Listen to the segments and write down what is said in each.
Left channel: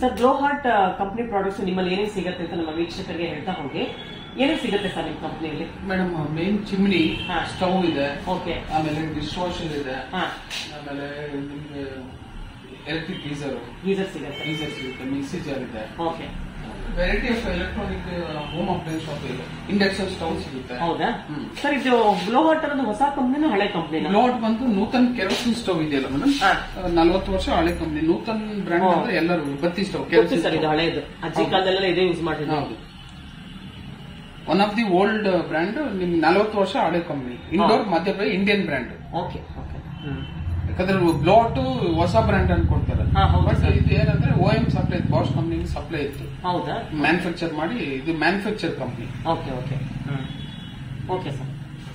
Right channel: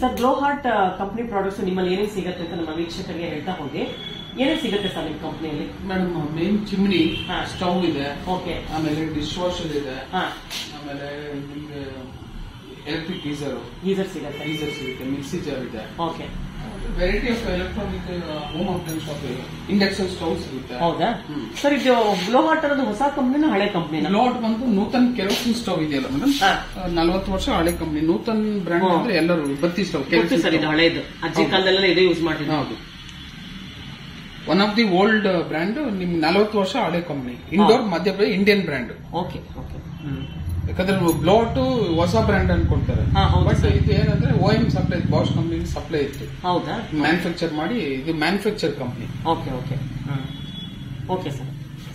Sir glow heart company products ನಿಮ್ಮಲ್ಲಿ ಏನೇನು ಸಿಗುತ್ತೆ ಅಂತ ನಮ್ಮ ವೀಕ್ಷಕರಿಗೆ ಹೇಳ್ತಾ ಹೋಗಿ. ಏನೇನು ಸಿಗುತ್ತೆ ಸರ್ ನಿಮ್ಮ ಕಂಪನಿಯಲ್ಲಿ? ಮೇಡಮ್ ಮೇನ್ ಚಿಮ್ನಿ, ಸ್ಟವ್ ಇದೆ, ಓಕೆ, ಆಮೇಲೆ ಡಿಶ್ ವಾಷರ್ ಇದೆ, ಆಮೇಲೆ ನಿಮ್ಗೆ ಎಲೆಕ್ಟ್ರಿಕ್ ಗೀಸರ್ ಸಿಗುತ್ತೆ, ಮಿಕ್ಸಿ ಜಾರ್ ಇದೆ, okay, variety of electronic home appliances shop ಇದೆ, ಇಂಡಕ್ಷನ್ ಸ್ಟವ್ ಸಿಗುತ್ತೆ. ಹೌದಾ ಸರ್? ಇದು ಗ್ಲೋ ಹಾರ್ಟ್ ಅನ್ನೋದು ಹೊಸ ಕಂಪನಿನ ಹಳೆ ಕಂಪನಿ? ಗ್ಲೋಟ್ ಬಂದು ನೂತನ್ ಕೆರೋಸಿನ್ ಸ್ಟವ್ ಇದೆಯಲ್ಲ ಮೇಡಮ್, 40 ವರ್ಷ ಹಳೆ ಕಂಪನಿ. ನೂತನ್ ಬ್ರ್ಯಾಂಡ್ ಅಂದ್ರೆ ಎಲ್ಲರೂ ಬತ್ತಿ ಸ್ಟವ್ ಸರ್, ಇದು ಹಳೆದು ಅಜ್ಜಿ ಕಾಲದಲ್ಲ ಇದೇ ಯೂಸ್ ಮಾಡಿದ್ರು. ಹೌದು, one of the old brand. ನಿಮ್ 40 ವರ್ಷ ಹಳೆ company, indoor Madhya Pradesh Indian brand. Okay okay. ಯಾಕಂದ್ರೆ ಬ್ಲೋಟ್ ಹೊಸ ಬ್ರ್ಯಾಂಡ್ ಅನ್ಕೊಳ್ತಾರೆ, ಬಟ್ ಇದು ಏನಂದ್ರೆ OEM supply, Bosch company supply ಇತ್ತು. ಹೌದಾ? ಮ್ಯಾನುಫ್ಯಾಕ್ಚರ್ ಮಾಡಿ, ಇದು manufacture company. Okay okay okay sir.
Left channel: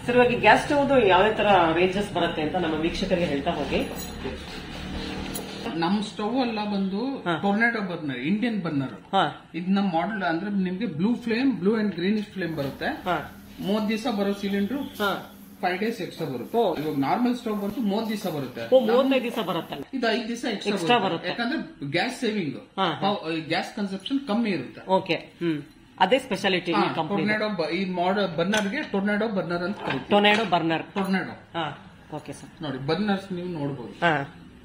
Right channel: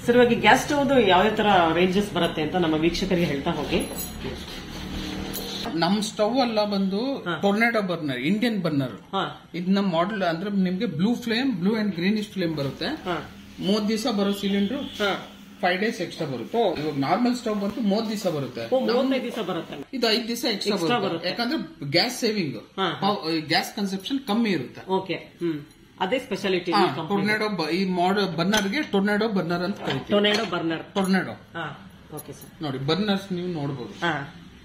Sir, ಇವಾಗ ಗ್ಯಾಸ್ ಸ್ಟವ್ ಯಾವ ತರ ರೇಂಜಸ್ ಬರುತ್ತೆ ಅಂತ ನಮ್ಮ ವೀಕ್ಷಕರಿಗೆ ಹೇಳ್ತಾ ಹೋಗಿ. ನಮ್ ಸ್ಟವ್ ಎಲ್ಲ ಬಂದು ಟೊರ್ನಾಡೋ ಬರ್ನರ್, ಇಂಡಿಯನ್ ಬರ್ನರ್. ಇದು ನಮ್ ಮಾಡೆಲ್ ಅಂದ್ರೆ ನಿಮ್ಗೆ ಬ್ಲೂ ಅಂಡ್ ಗ್ರೀನಿಶ್ ಫ್ಲೇಮ್ ಬರುತ್ತೆ. 30 ದಿವಸ ಬರೋ ಸಿಲಿಂಡರ್ 5 days ಎಕ್ಸ್ಟ್ರಾ ಬರುತ್ತೆ. ಇವಾಗ ನಾರ್ಮಲ್ ಸ್ಟವ್ ಬಂದು 30 ದಿವಸ ಬರುತ್ತೆ, 35 ದಿವಸ ಬರುತ್ತೆ. ಇದು 5 ದಿವಸ ಎಕ್ಸ್ಟ್ರಾ ಬರುತ್ತೆ. ಯಾಕಂದ್ರೆ ಗ್ಯಾಸ್ ಸೇವಿಂಗ್, ಗ್ಯಾಸ್ ಕನ್ಸಂಪ್ಷನ್ ಕಮ್ಮಿ ಇರುತ್ತೆ. ಓಕೆ, ಅದೇ ಸ್ಪೆಷಾಲಿಟಿ ಟೊರ್ನಾಡೋ. ಈ ಬರ್ನರ್ಗೆ ಟೊರ್ನಾಡೋ ಬರ್ನರ್ ಅಂತ ಕರೀತೀವಿ. ಟೊರ್ನಾಡೋ. ಓಕೆ ಸರ್, ನೋಡಿ ಬರ್ನರ್ಸ್ ನೀವು ನೋಡಬಹುದು.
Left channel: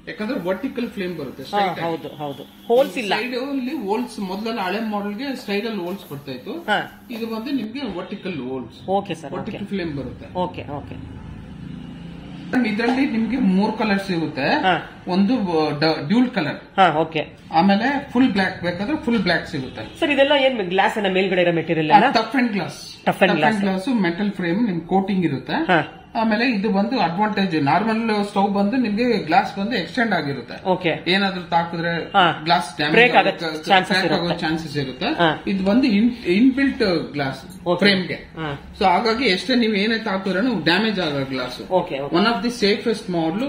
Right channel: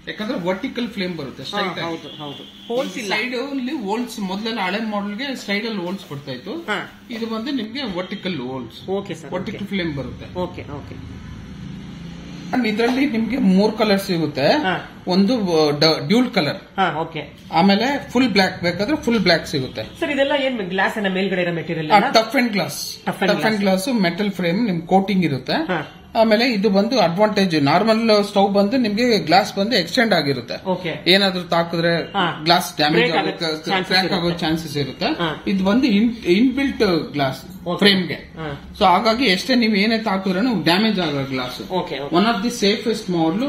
ಯಾಕಂದ್ರೆ ವರ್ಟಿಕಲ್ ಫ್ಲೇಮ್ ಬರುತ್ತೆ. ಹೌದು ಹೌದು, ಹೋಲ್ಸ್ ಇಲ್ಲ. ಸೈಡ್ ಅಲ್ಲಿ ಹೋಲ್ಸ್, ಮೊದಲೆಲ್ಲ ಹಳೆ ಮಾಡೆಲ್ಗೆ ಸೈಡ್ ಅಲ್ಲಿ ಹೋಲ್ಸ್ ಬರ್ತಾ ಇತ್ತು. ಇದು ಬಂದು ನಿಮ್ಗೆ vertical holes. Okay sir, vertical flame ಬರುತ್ತೆ. Okay okay. ಇದರಲ್ಲಿ ನಿಮ್ಗೆ 3 ಕಲರ್ ಸಿಗುತ್ತೆ. ಒಂದು ಡ್ಯೂಲ್ ಕಲರ್, ಓಕೆ, ಆಮೇಲೆ ಫುಲ್ ಬ್ಲಾಕ್ ಬೇಕಾದ್ರೆ ಫುಲ್ ಬ್ಲಾಕ್ ಸಿಗುತ್ತೆ. ಸರ್, ಇದೆಲ್ಲ ಏನ್ ಗ್ಲಾಸ್ ಮೇಲ್ಗಡೆ ಇರೋ material? Tough and glass metal frame, ನಿಮ್ ಕೋಟಿಂಗ್ ಇರುತ್ತೆ. ಆಮೇಲೆ ಇದು ಬಂದು ಅಡ್ವಾಂಟೇಜ್, ನಾರ್ಮಲ್ ಸ್ಟವ್ ಬಂದು ನಿಮ್ಗೆ ಗ್ಲಾಸ್ ಬಂದು ಎಕ್ಸ್ಟೆಂಡ್ ಆಗಿರುತ್ತೆ. ಏನಾದ್ರೂ ತಾಕಿದ್ರೆ ಗ್ಲಾಸ್ ಡ್ಯಾಮೇಜ್ ಆಗೋ ಚಾನ್ಸಸ್ ಇರುತ್ತೆ. ಇದು ಬಂದು ಇನ್ಬಿಲ್ಟ್ ಗ್ಲಾಸ್ ಫ್ರೇಮ್ಗೆ. ಸೊ ಹಾಗಾಗಿ ಎಷ್ಟೇ ನೀವು ಏನೇ ತಾಕಿದ್ರೆ ಡ್ಯಾಮೇಜ್ ಆಗೋ glass. One of the safest model,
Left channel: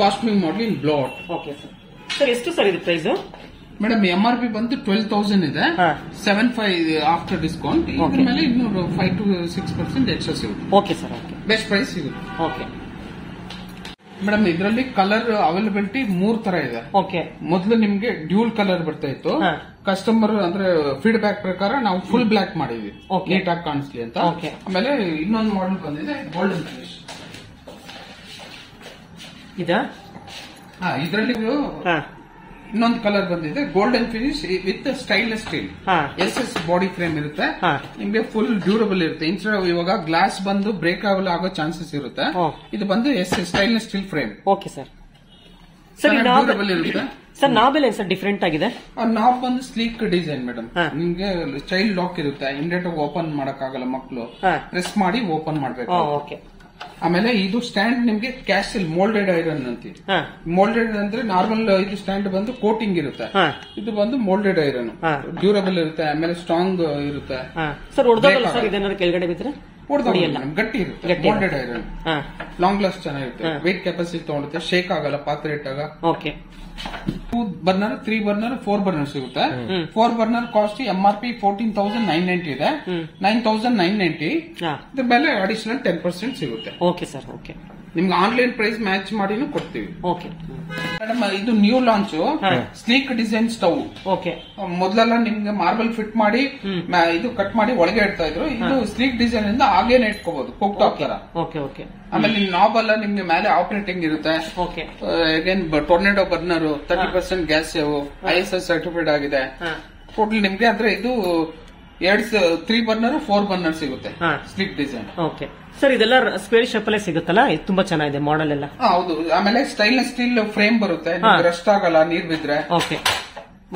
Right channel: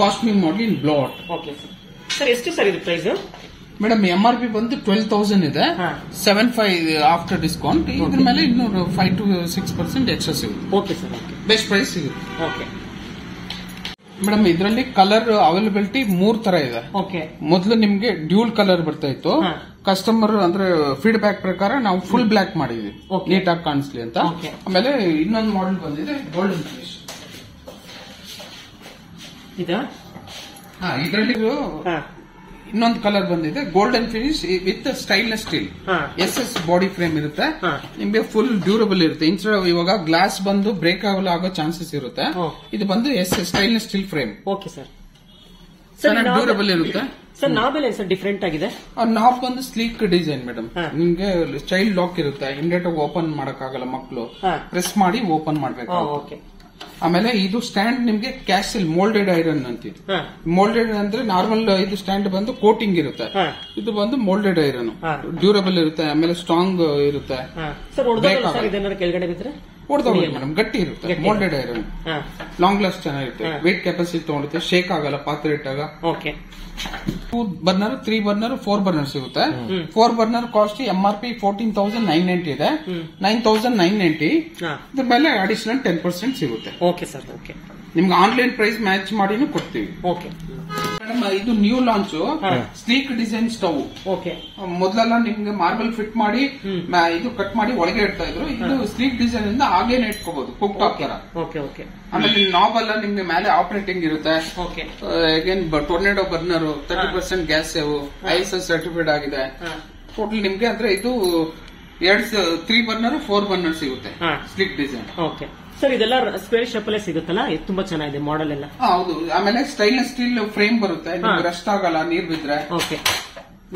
fast moving model in bloat. Okay sir, ಎಷ್ಟು ಸರ್ ಇದು ಪ್ರೈಸ್? ಮೇಡಮ್ MRP ಬಂದು 12,000 ಇದೆ, 7,500 ಆಫ್ಟರ್ ಡಿಸ್ಕೌಂಟ್. ಇದ್ರ ಮೇಲೆ ಇನ್ನೂ 5 to 6% ಎಕ್ಸ್ಟ್ರಾ ಸಿಗುತ್ತೆ. ಓಕೆ ಸರ್, ಬೆಸ್ಟ್ ಪ್ರೈಸ್ ಸಿಗುತ್ತೆ. ಓಕೆ ಮೇಡಮ್, ಇದರಲ್ಲಿ ಕಲರ್ ಅವೈಲಬಿಲಿಟಿ 3 ತರ ಇದೆ. ಓಕೆ, ಮೊದಲು ನಿಮ್ಗೆ ಡ್ಯೂಲ್ ಕಲರ್ ಬರ್ತಾ ಇತ್ತು. ಕಸ್ಟಮರ್ ಅಂದ್ರೆ ಫೀಡ್ಬ್ಯಾಕ್ ಪ್ರಕಾರ ನಾವು ಫುಲ್ ಬ್ಲಾಕ್ ಮಾಡಿದ್ವಿ, ನೀಟಾಗಿ ಕಾಣಿಸ್ಲಿ ಅಂತ. ಆಮೇಲೆ ಇನ್ನೊಂದು ಮಾಡೆಲ್ ಬಂದಿದೆ ಗೋಲ್ಡನ್ ಫಿನಿಶ್. ಇದರಲ್ಲಿ ಇನ್ನೊಂದು ಕಲರ್ ಬಂದಿದೆ golden finish with stainless steel. SS body frame ಇರುತ್ತೆ. ನಿಮ್ಗೆ ಫುಲ್ ಡ್ಯೂರಬಲ್ ಇರುತ್ತೆ. ಇವಾಗ ಗ್ಲಾಸ್ ಬಂದು ಬ್ರೇಕ್ ಆಗೋ ಚಾನ್ಸಸ್ ಇರುತ್ತೆ. ಇದು ಬಂದು stainless steel frame. Okay sir, durable ಇರುತ್ತೆ. ಸರ್, ನಾಬ್ ಎಲ್ಲ ಸರ್ ಡಿಫ್ರೆಂಟ್ ಆಗಿದೆ. ನಾಬ್ ಬಂದು ಸ್ಲೀಕ್ ಡಿಸೈನ್ ಮೇಡಮ್. ನಿಮ್ಗೆ ಚೈಲ್ಡ್ ಲಾಕ್ ಇರುತ್ತೆ, ಇಮಿಡಿಯೇಟ್ ಆಗಿ ಓಪನ್ ಮಾಡಕ್ಕಾಗಲ್ಲ. ಮಕ್ಕಳು ಪ್ರೆಸ್ ಮಾಡಿ ಓಪನ್ ಮಾಡ್ಬೇಕು. ಆಮೇಲೆ ಇದು ಸ್ಟ್ಯಾಂಡ್ ನಿಮ್ಗೆ ಕ್ಯಾಸಲ್ ಮೋಲ್ಡೆಡ್ ಐರನ್ ಅಂತೀವಿ. ಮೋಲ್ಡೆಡ್ ಅಂದ್ರೆ ನಾರ್ಮಲ್ ಇದು ಸ್ಟ್ಯಾಂಡ್ ಬಂದು ಕೋಟಿಂಗ್ ಇರುತ್ತೆ. ಇದು ಬಂದು ಮೋಲ್ಡೆಡ್ ಐರನ್, ಡ್ಯೂರಬಲ್ ಇರುತ್ತೆ. ಆಮೇಲೆ ಸ್ಟ್ರಾಂಗ್ ಇರುತ್ತೆ. ಕೆಳಗಡೆ ಬಿದ್ರೆ ಮೇಡಮ್ ಗಟ್ಟಿ ಇರುತ್ತೆ. ಮೋಲ್ಡೆಡ್ ಐರನ್ ಲಾಂಗ್ ಲಾಸ್ಟ್ ಚೆನ್ನಾಗಿರುತ್ತೆ. ವೇಟ್ ಕೆಪಾಸಿಟಿ ತಗೊಳುತ್ತೆ, ಶೇಕ್ ಆಗಲ್ಲ ಪಾತ್ರೆ ಇಟ್ಟಾಗ. ಓಕೆ, 2 ಬರ್ನರ್, 3 ಬರ್ನರ್, 4 ಬರ್ನರ್ ಸಿಗುತ್ತೆ. 4 ಬರ್ನರ್ ಕಾಸ್ಟ್ MRP 14,990 ಇದೆ, 9,990. ಇದ್ರ ಮೇಲೆ ಅಡಿಷನಲ್ 10% ಸಿಗುತ್ತೆ. Okay sir, okay. ನಿಮ್ಗೆ ಆನ್ಲೈನ್ ಪ್ರೈಸ್ ಮ್ಯಾಚ್ ಮಾಡಿನೂ ಕೊಡ್ತೀವಿ. ಓಕೆ ಮೇಡಮ್, ಇದು new launch sleek design stove. Okay, ಮೊದಲೆಲ್ಲ ನಿಮ್ಗೆ ಮಾರ್ಬಲ್ ಫಿಟ್ ಮಾಡಿ ಇದು ಕಟ್ ಮಾಡಿ ಒಳಗೆ ಇಡ್ತಾ ಇದ್ರು. ಇದು ಸ್ಲೀಕ್ ಡಿಸೈನ್ ಇಂದ ಹಾಗೇನೆ ಇಟ್ಕೋಬಹುದು, ಕುಕ್ ಟಾಪ್ ತರ. Okay okay. ಆಮೇಲೆ ನಾಬ್ ಎಲ್ಲ ನಿಮ್ಗೆ ಮೇಲೆ ಆಪರೇಟಿಂಗ್ ಇರುತ್ತೆ. Okay, again tornado burner, 30% gas save, ISO certified ಆಗಿದೆ. ಟೋಟಲ್ ನಿಮ್ಗೆ ಅಂದ್ರೆ ಇದು 3 ಬರ್ನರ್ 4 ಬರ್ನರ್ ಸಿಗುತ್ತೆ ಸ್ಲೀಕ್ ಡಿಸೈನ್. ಓಕೆ ಸರ್, ಇದೆಲ್ಲ ಸ್ಕ್ವೇರ್ ಶೇಪ್ ಅಲ್ಲೇ ಸಿಗುತ್ತಲ್ಲ, ತುಂಬಾ ಚೆನ್ನಾಗಿದೆ ಮಾಡೆಲ್ ಎಲ್ಲ. ಹೌದು, ಆಮೇಲೆ ಸ್ಟೈನ್ಲೆಸ್ ಸ್ಟೀಲ್ ಫ್ರೇಮ್ ಬರುತ್ತೆ, ರಸ್ಟ್ ಆಗಲ್ಲ ನೀರ್ ಬಿದ್ರೆ. ಓಕೆ,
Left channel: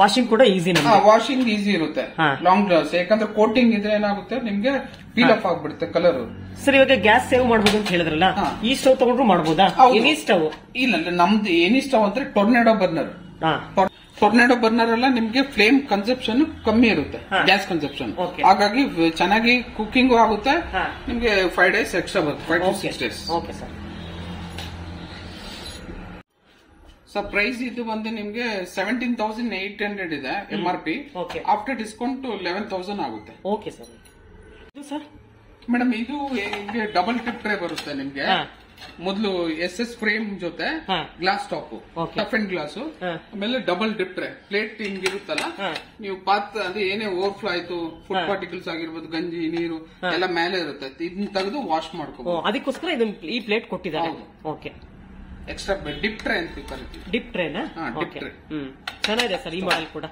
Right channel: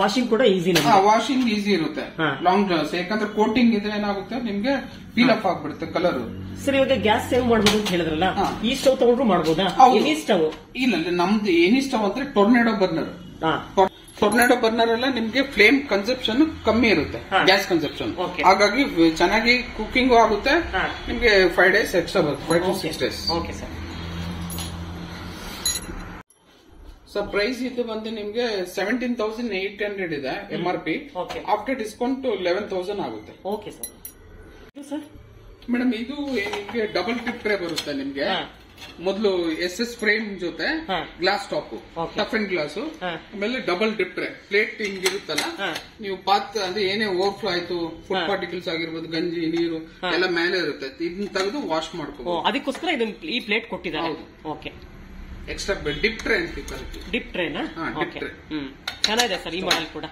ವಾಷಿಂಗ್ ಕೂಡ ಈಸಿ. ವಾಷಿಂಗ್ ಈಸಿ ಇರುತ್ತೆ, ಲಾಂಗ್ ಗ್ಲಾಸ್. ಯಾಕಂದ್ರೆ ಕೋಟಿಂಗ್ ಇದ್ರೆ ಏನಾಗುತ್ತೆ ನಿಮ್ಗೆ ಪೀಲ್ ಆಫ್ ಆಗ್ಬಿಡುತ್ತೆ ಕಲರ್. ಸರ್, ಇವಾಗ ಗ್ಯಾಸ್ ಸೇವ್ ಮಾಡಬಹುದು ಅಂತ ಹೇಳಿದ್ರಲ್ಲ, ಈ ಸ್ಟವ್ ತಗೊಂಡ್ರು ಮಾಡಬಹುದಾ? Any stove? ಇಲ್ಲ, ನಮ್ದು ಎನಿ ಸ್ಟವ್ ಅಂದ್ರೆ ಟೊರ್ನಾಡೋ ಬರ್ನರ್. ಟೊರ್ನಾಡೋ ಬರ್ನರ್ ಎಲ್ಲ ನಿಮ್ಗೆ ಫ್ಲೇಮ್ ಕನ್ಸಪ್ಷನ್ ಕಮ್ಮಿ ಇರುತ್ತೆ, ಗ್ಯಾಸ್ ಕನ್ಸಪ್ಷನ್. ಹಾಗಾಗಿ ಚೆನ್ನಾಗಿ ಕುಕಿಂಗ್ ಆಗುತ್ತೆ. ನಿಮ್ಗೆ 5 days ಎಕ್ಸ್ಟ್ರಾ ಬರುತ್ತೆ, 5 to 6 days. Okay sir. Sir, price ಇದು ಬಂದು ನಿಮ್ಗೆ 17,800 ಇದೆ MRP. ಆಫ್ಟರ್ ಡಿಸ್ಕೌಂಟ್ 11,000 ಆಗುತ್ತೆ. Okay sir. ಮೇಡಮ್, ಇದು ಡಬಲ್ ಟಿಪ್ ಟ್ರೇ ಬರುತ್ತೆ ನಿಮ್ಗೆ. ಮೊದಲು SS ಫ್ರೇಮ್ ಜೊತೆ glass top tough and glass, ಆಮೇಲೆ ಡಬಲ್ ಡಿಪ್ ಟ್ರೇ ಪ್ಲೇಟ್ ಹಿಂಗಿರುತ್ತಲ್ಲ, ನೀವು ಪಾತ್ ಅಂದ್ರೆ ಏನೇ ಓವರ್ಫ್ಲೋ ಆಯ್ತು, ಫುಡ್ ಪಾರ್ಟಿಕಲ್ಸ್ ಆಗಿರ್ಬೋದು, ಗಂಜಿ ನೀರು ಎಲ್ಲ ಮೇಲೆ ಇರುತ್ತೆ, ಇದನ್ನ ತೆಗೆದು ವಾಶ್ ಮಾಡ್ಕೋಬಹುದು. ಅದಕ್ಕೋಸ್ಕರ ಈ ಪ್ಲೇಟ್ ಕೊಟ್ಟಿದ್ದಾರೆ. ಓಕೆ, ಎಕ್ಸ್ಟ್ರಾ ಡಿಪ್ ಟ್ರೇ ಅಂತ ಕರಿತೀವಿ. ಡಿಪ್ ಟ್ರೇನಾ? ಡಿಪ್ ಟ್ರೇ ಚೆನ್ನಾಗಿದೆ ಸರ್ ಈ ಮಾಡೆಲ್ ಕೂಡ.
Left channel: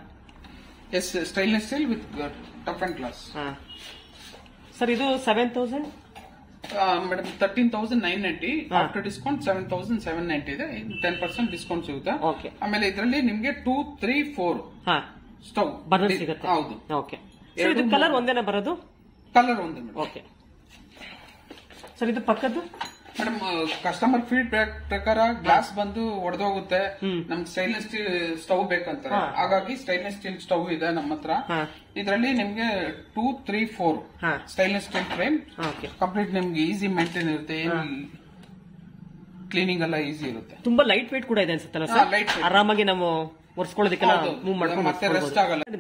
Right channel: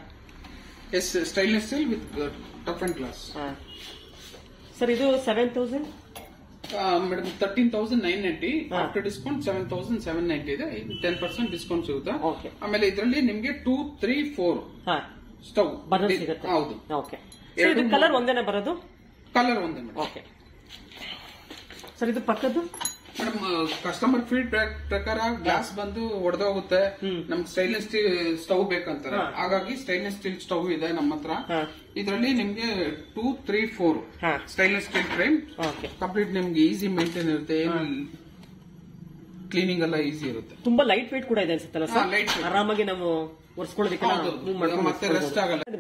Stainless steel with tough and glass. Sir ಇದು 7,000 ಮೇಡಮ್ 13,990. ಆಫ್ಟರ್ ಡಿಸ್ಕೌಂಟ್ 7,790 ಇದೆ. 10% ಡಿಸ್ಕೌಂಟ್ ಸಿಗುತ್ತೆ. ಆಮೇಲೆ ಇದರಲ್ಲಿ ನಿಮ್ಗೆ 2, 3, 4 ಸ್ಟವ್ ಬರ್ನರ್ ಸಿಗುತ್ತೆ. ಹೌದು. ಓಕೆ, ಇದು ಕಲರ್ ಒಂದೇನೆ ಬರೋದು? ಕಲರ್ ಒಂದೇ ಮೇಡಮ್. ಓಕೆ ಸರ್, ಇದು ಪಕ್ಕದ್ದು ಮೇಡಮ್ ಕಸ್ಟಮರ್ ಫೀಡ್ಬ್ಯಾಕ್ ಪ್ರಕಾರ ಗ್ಲಾಸ್ ಬಂದು ಒಡೆದೋಗುತ್ತೆ, ನಮ್ಗೆ ಸ್ಟೈನ್ಲೆಸ್ ಸ್ಟೀಲ್ ಸ್ಟವ್ ಬೇಕಂತಾರೆ. ಹಾಗಾಗಿ ಸ್ಟೈನ್ಲೆಸ್ ಸ್ಟೀಲ್ ಸ್ಟವ್ ಇದೆ ನಮ್ಮ ಹತ್ರ. ಇದರಲ್ಲಿ ನಿಮ್ಗೆ 2, 3, 4 ಸ್ಟೈನ್ಲೆಸ್ ಸ್ಟೀಲ್ ಫ್ರೇಮ್ ಕಂಪ್ಲೀಟ್ ನಿಮ್ಗೆ ಈಸಿ ಮೇಂಟೈನ್ ಇರುತ್ತೆ, ಕ್ಲೀನಿಂಗ್ ಎಲ್ಲ ಈಸಿ ಇರುತ್ತೆ. ತುಂಬಾ ಲೈಟ್ ವೇಟ್ ಕೂಡ ಇದೆ ಅನ್ಸುತ್ತಲ್ಲ ಸರ್, ಆರಾಮಾಗಿ ನಾವು ಒರೆಸ್ಕೊಳ್ಳೋದಕ್ಕೆ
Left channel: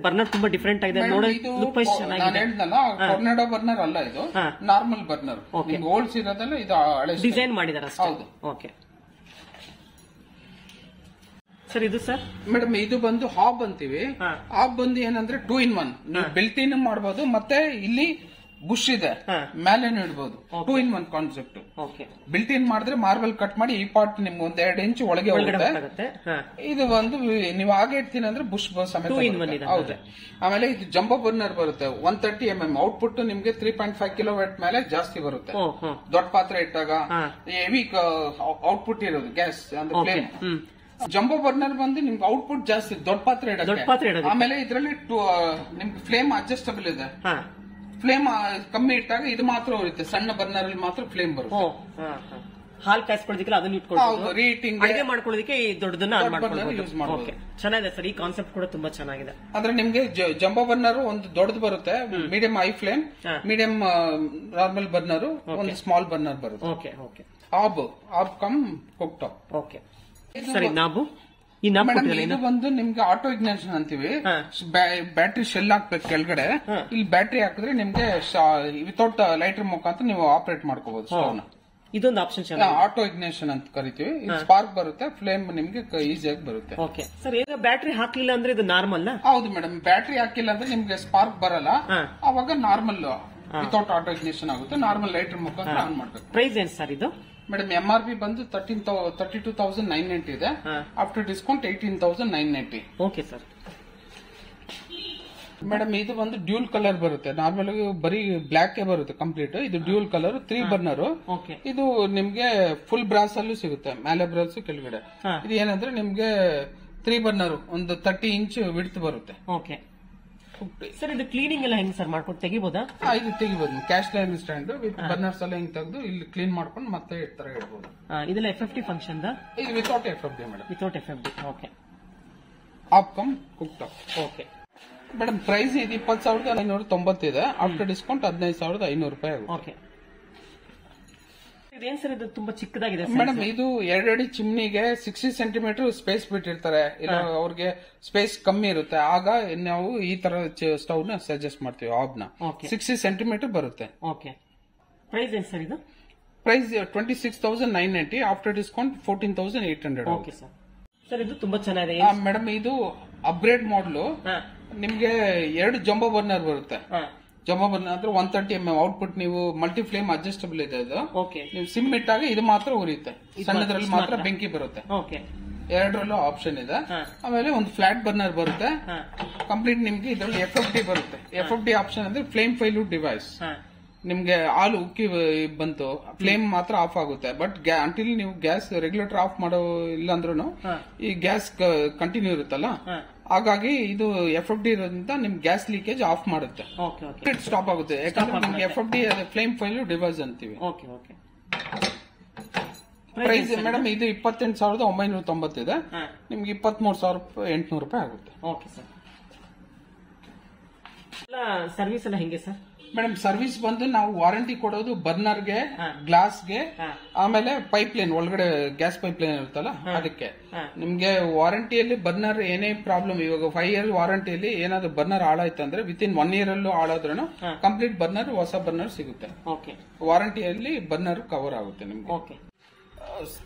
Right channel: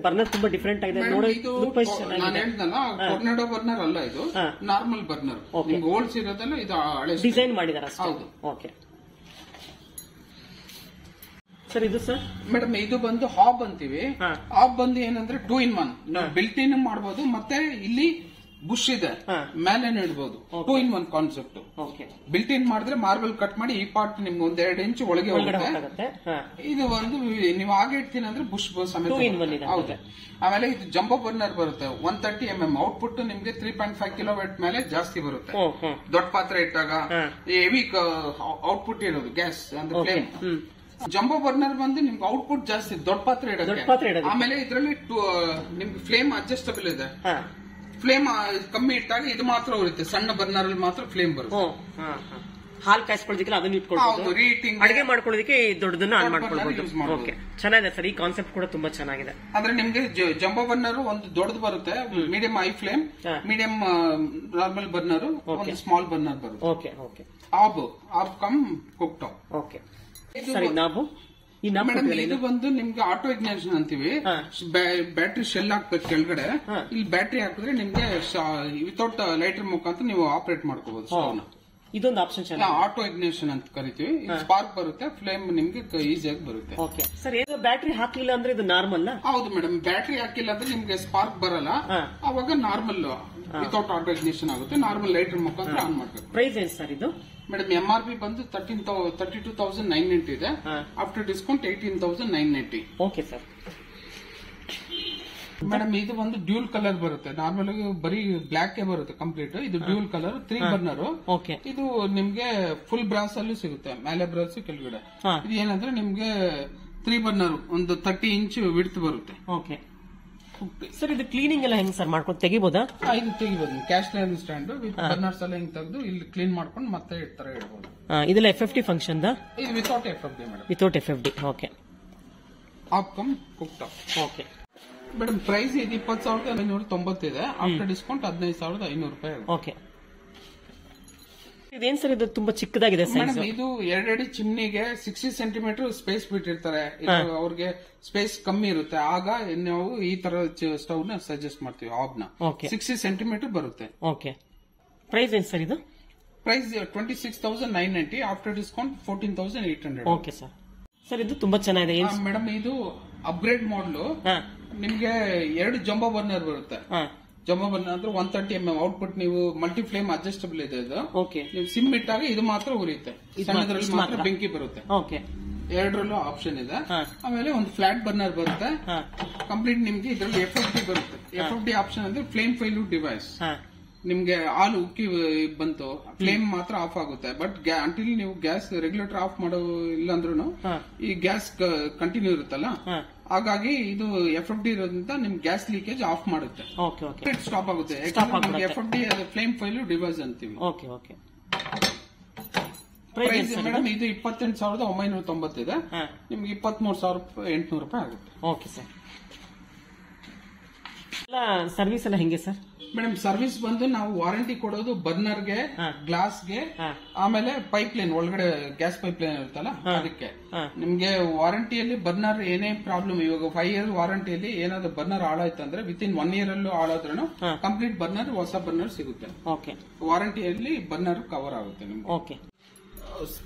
ಬರ್ನರ್ ತುಂಬಾ ಡಿಫರೆಂಟ್ ಆಗಿದೆ. ನಾನು ಹೇಳ್ದಲ್ಲ ಟೊರ್ನಾಡೋ ಬರ್ನರ್ ಅಲ್ಲ, ಇದು ನಾರ್ಮಲ್ ಬರ್ನರ್. ಓಲ್ಡ್ ಇರೋದಲ್ಲ, ಇದು ಹಳೆ ಡಿಸೈನ್ ಮಾಡಿದಾರೆ. ಹೌದು. ಓಕೆ ಸರ್, ಇದು ಸರ್ ಮೇಡಮ್ ಇದು ಬಂದು ಹಾಬ್ ಅಂತೀವಿ. ಹಾಬ್ ಬಂದು ಏನಂದ್ರೆ 2 in 1 ಬೆಲ್ಟ್ ಇನ್ ಮಾಡಬಹುದು, ಮತ್ತೆ ಇಲ್ಲಿ ಬುಷ್ ಇದೆ ಮೇಲೇನು ಇಡ್ಬೋದು. 2 in 1 ಕಾನ್ಸೆಪ್ಟ್. ಬಿಲ್ಟ್ ಇನ್ ಮಾಡಿದ್ರೆ ಮಾರ್ಬಲ್ ಕಟ್ ಮಾಡಿ ಈ ಪಾರ್ಟ್ ನಿಮ್ಗೆ 1-2 ಇಂಚ್ ಒಳಗೆ ಹೋಗುತ್ತೆ. ಇದು ಒಂದು ನೀವು ಹಾಗೆ ಇಡ್ತೀನಿ ಅಂದ್ರೆ ಬುಷ್ ಸಮೇತ. ಹೌದು. ಆಮೇಲೆ ಇದು ಜಂಬೋ ಬರ್ನರ್ ಬರುತ್ತೆ, 130 mm ಔಟ್ಪುಟ್ ನಿಮ್ಗೆ 3.5 ಕಿಲೋವ್ಯಾಟ್ ಮೇಲೆ ಜಾಸ್ತಿ ಬರುತ್ತೆ. ದೊಡ್ಡ ಪಾತ್ರೆ ಇಟ್ಟಾಗ ಹೆವಿ ಔಟ್ಪುಟ್ ಇರೋದು ಗ್ಯಾಸ್ ಅಂದ್ರೆ ಫ್ಲೇಮ್. ಜಂಬೋ ಬರ್ನರ್ ಬಂದು ನಿಮ್ಗೆ ಔಟ್ಪುಟ್ ಜಾಸ್ತಿ, ದೊಡ್ಡ ಪಾತ್ರೆ ಇಡೋದು. ಆಮೇಲೆ ಇದರಲ್ಲಿ ನಿಮ್ಗೆ ಫ್ಲೇಮ್ ಅಡ್ಜಸ್ಟಬಲ್ ಇದೆ. ಫ್ಲೇಮ್ ಕಮ್ಮಿ ಇಟ್ಟಾಗ ಇದು ಮಾತ್ರ ಉಳಿಯುತ್ತೆ, ಸಣ್ಣ ಬರ್ನರ್ ಅಲ್ಲಿ ಮಾತ್ರ ಫ್ಲೇಮ್ ಬರುತ್ತೆ. ಹಾಲು ಕಾಯಿಸ್ಕೊಳ್ಳೋದಕ್ಕೆ ಅದನ್ನ ಇಟ್ಕೊಳ್ಳೋದು, ಅಡಿಗೆ ಮಾಡ್ಕೊಳ್ಳೋದಕ್ಕೆ ದೊಡ್ಡದನ್ನ ಆನ್ ಮಾಡ್ಕೊಳ್ಳೋದು. ಓಕೆ, ಚೆನ್ನಾಗಿದೆ ಸರ್, ಈ ಕಾನ್ಸೆಪ್ಟ್ ಕೂಡ ತುಂಬಾ ಚೆನ್ನಾಗಿದೆ. ಅಂದ್ರೆ ನಿಮ್ಗೆ ಜಂಬೋ ಬರ್ನರ್ ಒಂದು ದೊಡ್ಡದು ಬರುತ್ತೆ, medium high flame, medium normal burner, ಒಂದು ಸ್ಮಾಲ್ ಬರ್ನರ್ ಬರುತ್ತೆ. Okay okay, hob cum cook top. Okay ಸರಿ, ಇದು ಬಂದು ನಿಮ್ಗೆ ಆಟೋ ಇಗ್ನಿಷನ್ ಅಂತೀವಿ. ಬ್ಯಾಟ್ರಿ ಶೆಲ್ ಹಾಕ್ಬೇಕು ಕೆಳಗಡೆ, ಇಲ್ಲಿ ಬ್ಯಾಟ್ರಿ ಹಾಕಿದ್ರೆ ನಿಮ್ಗೆ ವಿತೌಟ್ ಲೈಟರ್ ಮುಖಾಂತರ ನೀವು ಆಪರೇಟ್ ಮಾಡ್ಕೋಬಹುದು ಸ್ಟವ್. ಇದೊಂದು ಆಪ್ಷನ್ ಆಟೋ ಇಗ್ನಿಷನ್ ಅಂತ ಕರಿತೀವಿ. ಸ್ಪಾರ್ಕ್ ಬರುತ್ತೆ, ಫ್ಲೇಮ್ ನಿಮ್ಗೆ ಈಸಿಯಾಗಿ ಬರುತ್ತೆ. ಓಕೆ ಸರ್, ಈಗ ಬ್ಯಾಟ್ರಿ ಹಾಕಿಲ್ಲ ಅಂದ್ರೆ ಇದು ನಾರ್ಮಲ್? ಹೌದು ಮೇಡಮ್, ಬ್ಯಾಟ್ರಿ ಹಾಕಿಲ್ಲ ಅಂದ್ರೆ ನಿಮ್ಗೆ ಸ್ಪಾರ್ಕ್ ಬರಲ್ಲ, ಅವಾಗ ನಾರ್ಮಲ್ ವಿತೌಟ್ ಆಟೋ ಇಗ್ನಿಷನ್ ಆಗುತ್ತೆ. ನಾರ್ಮಲ್ ಲೈಟರ್ ಮುಖಾಂತರ ಆನ್ ಮಾಡ್ಬೇಕು. ಪ್ರೈಸ್ ಏನ್ ಸರ್ ಇದು? ಮೇಡಮ್ MRP ಬಂದು 32,990 ಇದೆ. After discount 18,990. Okay sir. Madam ಇದು ಒಂದು ಡ್ಯೂಲ್ ಕಲರ್ ಬರುತ್ತೆ, ನಾರ್ಮಲ್ ಬರೀ ಬ್ಲಾಕ್ ಬರುತ್ತೆ ಕಂಪ್ಲೀಟ್. ಇದು ಡ್ಯೂಲ್ ಕಲರ್ 3 ಬರ್ನರ್. ಇದು ನಿಮ್ಗೆ ಫುಲ್ ಬ್ರಾಸ್ ಅಲ್ಲೂ ಸಿಗುತ್ತೆ, ಮೇಲೆ ಬ್ರಾಸ್ ಕೆಳಗಡೆ. ಇದು ಏನಂದ್ರೆ ನಿಮ್ಗೆ 3 ಬರ್ನರ್ ಒಂದು 30 ಇಂಚ್ ವಿಡ್ತ್ ಬರುತ್ತೆ. ಓಕೆ ಸರ್, ಇದು ಕ್ಲೀನಿಂಗ್ ಎಲ್ಲ ಹೆಂಗ್ ಸರ್ ಮಾಡ್ಕೊಂಡು ತೆಗಿಬೋದಾ? ಇದು ತೆಗಿಬಹುದು, cache line stand with burners ಎಲ್ಲ ಹಿಂಗ್ ತೆಗೆದು ಇಲ್ಲಿ ಕ್ಲೀನ್ ಮಾಡ್ಕೊಂಡು ಮತ್ತೆ ತರ ಇಡಬಹುದು. ಇದೆಲ್ಲ FFD ಫಂಕ್ಷನ್ ದ? ಇದು without FFD madam. Without FFD. Okay. ಆಪ್ cum cook top. Okay madam, price ಇದು 20,990 ಇದೆ. ಆಫ್ಟರ್ ಡಿಸ್ಕೌಂಟ್ 15,500 ರೂಪಾಯಿ ಆಗುತ್ತೆ. ಓಕೆ. ಇದೇನ್ ಸರ್, ಇದು ತುಂಬಾ ಚಿಕ್ಕದಾಗಿದೆ ಮೇಡಮ್. ಇದು 2 ಅಡಿ ಚಿಮ್ನಿಗೆ 60 ಸೆಂಟಿಮೀಟರ್ ಸ್ಪೇಸ್ ಬಿಟ್ಟಿರ್ತಾರೆ, ಅವ್ರಿಗೆ ಸ್ಪೇಸ್ ಕಮ್ಮಿ ಇರುತ್ತೆ. ಆಗ ನಾವು ಈ ತರ ಸ್ಟವ್ ನ ಸಜೆಸ್ಟ್ ಮಾಡ್ತೀವಿ. ಆಬ್ನ 60 ಸೆಂಟಿಮೀಟರ್ ಬರುತ್ತೆ. ಓಕೆ. ಪ್ರೈಸ್ ಏನ್ ಸರ್ ಇದು? Price 26,990. After discount 14,800. Okay sir. Sir, ಇದು ತುಂಬಾ ಚೆನ್ನಾಗಿದೆ ಮೇಡಮ್. ಇದು ಅಪ್ಗ್ರೇಡ್ ಮಾಡಲು ನಿಮ್ಗೆ 2 ಜಂಬೋ ಬರ್ನರ್ ಬರುತ್ತೆ. ಜಂಬೋ ಬರ್ನರ್ ಅಂದ್ರೆ 130 mm ಔಟ್ಪುಟ್. ನೀವು ಮಲ್ಟಿ ಫ್ಲೇಮ್ ಅಡ್ಜಸ್ಟಬಲ್ ಇದೆ ಇದು. ನೀವು ಸಿಮ್ ಇಟ್ಟಾಗ ಇದು ಮಾತ್ರ ಉರಿಯುತ್ತೆ, ಸಣ್ಣದ್ರಲ್ಲಿ ಮಾತ್ರ ಬೆಂಕಿ ಬರುತ್ತೆ. ಎರಡರಲ್ಲೂ ಆಪ್ಷನ್ ಇದೆ. ಆಮೇಲೆ ಒಂದು ಫ್ಲಾಟ್ ಬರ್ನರ್ ಬರುತ್ತೆ ಕಂಪ್ಲೀಟ್. ನಿಮ್ಗೆ ಇದರಲ್ಲಿ FFD ಬರುತ್ತೆ. FFD ಆಪ್ಷನ್ ಅಂದ್ರೆ ಫ್ಲೇಮ್ ಫೈಲ್ಯೂಟ್ ಡಿವೈಸ್. ನಿಮ್ಗೆ ಹಾಲು ಉಕ್ಕಿ ಬಂತು, ಫ್ಲೇಮ್ ಮಾತ್ರ ಆಫ್ ಆಗುತ್ತೆ. ಬಟ್ ಅಂಟಿಲ್ ನೀವು ಗ್ಯಾಸ್ ರೆಗ್ಯುಲೇಟರ್ ಆಫ್ ಮಾಡೋ ಇಲ್ಲ ಅಂದ್ರೂ ಈ ಗ್ಯಾಸ್ ಕಂಟಿನ್ಯೂ ಇರುತ್ತಲ್ಲ, ಹಾಗಾಗಿ ಇದು FFD ಇರೋದ್ರಿಂದ ನಿಮ್ ಗ್ಯಾಸ್ ಲೀಕೇಜ್ ಆಫ್ ಮಾಡುತ್ತೆ, ಸ್ಟಾಪ್ ಆಗುತ್ತೆ. ಯಾಕಂದ್ರೆ FFD ಫ್ಲೇಮ್ ಫೈಲ್ಯೂಟ್ ಡಿವೈಸ್ ಅಂತೀವಿ. ಪ್ರೈಸ್ ಮೇಡಮ್ ಇದು 28,990 ಇದೆ. ನಿಮ್ಗೆ 23,800 ರೂಪಾಯಿ ಆಗುತ್ತೆ. Okay sir. ಸರ್ವಿಸ್ ಎಲ್ಲ ಹೆಂಗೆ ಸರ್? ಮೇಡಮ್, ಸರ್ವಿಸ್ ಬಂದು ನಾವು ವಾರಂಟಿ ಕೊಡೋದು ಬರ್ನರ್ಗೆ, ಗ್ಲಾಸ್ಗೆ, ಆಮೇಲೆ ಪೈಪ್ ಲೈನ್ ಒಳಗಡೆ ಗ್ಯಾಸ್ ಪೈಪ್ ಲೈನ್ ಇರುತ್ತಲ್ಲ ಅದಕ್ಕೆ. ನಿಮ್ಗೆ ವಾರಂಟಿಯಲ್ಲಿ ಬರ್ನರ್ ಏನೇ ಪ್ರಾಬ್ಲಮ್, ಇವಾಗ 5 year ವಾರಂಟಿಯಲ್ಲಿ ಏನಾದ್ರು ಬರ್ನರ್ ಹಾಳಾಯ್ತು ಅಂದ್ರೆ ವಿತಿನ್ 1 year ಅಲ್ಲೂ ಹಾಳಾದ್ರೂ ಕಂಪ್ಲೀಟ್ ಬರ್ನರ್ ಹೊಸ ಬರ್ನರ್ ಸಿಗುತ್ತೆ. ವಾರಂಟಿಯಲ್ಲಿ ಬರ್ನರ್ ಕವರ್ ಆಗುತ್ತೆ ನಿಮ್ಗೆ.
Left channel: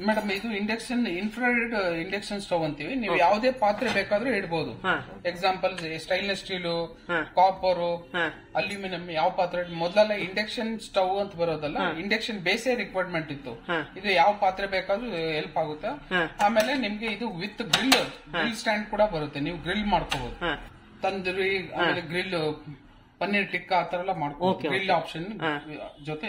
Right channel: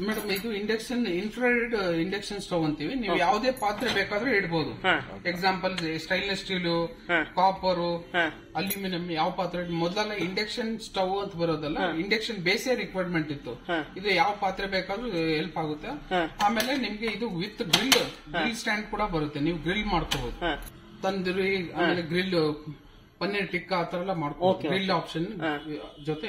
ಮೇಡಮ್ ಇದು ಇಂಡಕ್ಷನ್ ಇನ್ಫ್ರಾರೆಡ್ ಇಂಡಕ್ಷನ್ ಸ್ಟವ್ ಅಂತೀವಿ. ನೀವು ಯಾವುದೇ ಪಾತ್ರೆ ಬೇಕಾದ್ರೂ ಇಡಬಹುದು. Example stainless steel, copper, aluminium ಯಾವ ಪಾತ್ರೆ. ಮೊದಲೆಲ್ಲ ಇಂಡಕ್ಷನ್ ಸ್ಟವ್ ಅಂತ ಬರೋದಲ್ಲ, ಇಂಡಕ್ಷನ್ ಬೇಸೇ ರಿಕ್ವೈರ್ಮೆಂಟ್ ಇತ್ತು. ಇದು ಯಾವ ಪಾತ್ರೆ ಬೇಕಾದ್ರೂ ಹೆಲ್ಪ್ ಆಗುತ್ತೆ. ಆಮೇಲೆ ನಿಮ್ಗೆ ಇದು ವಿತ್ ಗ್ರಿಲ್ ಸ್ಟ್ಯಾಂಡ್ ಕೂಡ ಬರುತ್ತೆ. ನೀವು ಗ್ರಿಲ್ ಮಾಡ್ಕೋಬಹುದು. ತಂದೂರಿ, ಆಮೇಲೆ ಗ್ರಿಲ್, ಪನ್ನೀರ್ ಟಿಕ್ಕಾ ಆ ತರ ಎಲ್ಲ ಮಾಡ್ಕೋಬಹುದು. ಗ್ರಿಲ್ ಆಪ್ಷನ್ ಜೊತೆ